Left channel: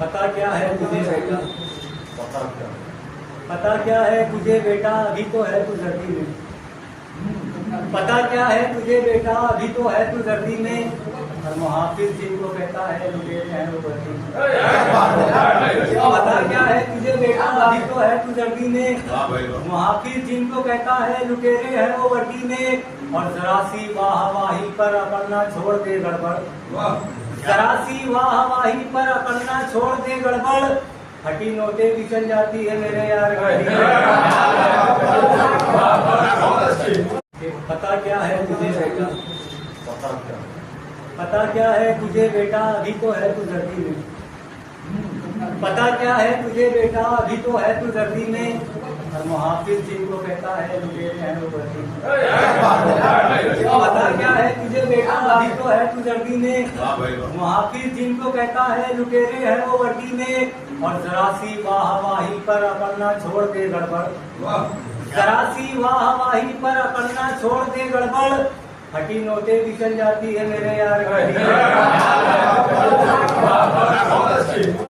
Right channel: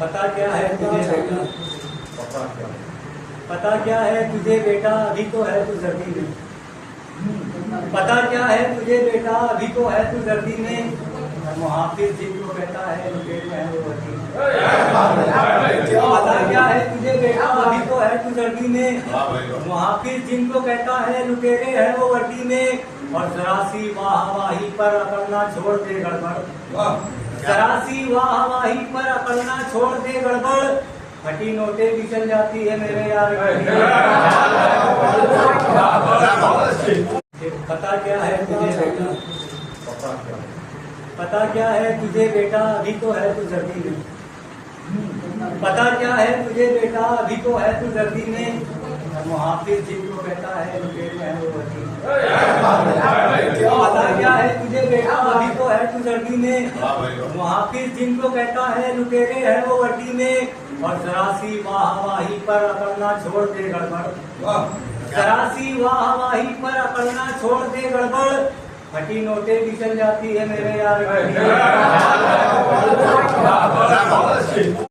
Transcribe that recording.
पता क्या है तुझे बेटा, पता क्या? पता क्या है तुझे बेटा, अभी तो है तू जर्दी में। पता क्या है तुझे बेटा, अभी तो है तू जर्दी में। और मुहाफिज जिनको कहता है लुटेरे हैं वो वर्दी में। पता क्या है तुझे बेटा, अभी तो है तू जर्दी में। मुहाफिज जिनको कहता है लुटेरे हैं वो वर्दी में। और जरा सी वाहवाही पर अपना छोड़ दे गड़बड़, जरा सी वाहवाही पर अपना छोड़ दे गड़बड़। फटी नोटे भी चल जाती है मेरे यार गाड़ी। पता क्या है तुझे बेटा, पता क्या? पता क्या है तुझे बेटा, अभी तो है तू जर्दी में। पता क्या है तुझे बेटा, अभी तो है तू जर्दी में। और मुहाफिज जिनको कहता है लुटेरे हैं वो वर्दी में। पता क्या है तुझे बेटा, अभी तो है तू जर्दी में। मुहाफिज जिनको कहता है लुटेरे हैं वो वर्दी में। और जरा सी वाहवाही पर अपना छोड़ दे गड़बड़, जरा सी वाहवाही पर अपना छोड़ दे गड़बड़। फटी नोटे भी चल जाती है मेरे यार गाड़ी।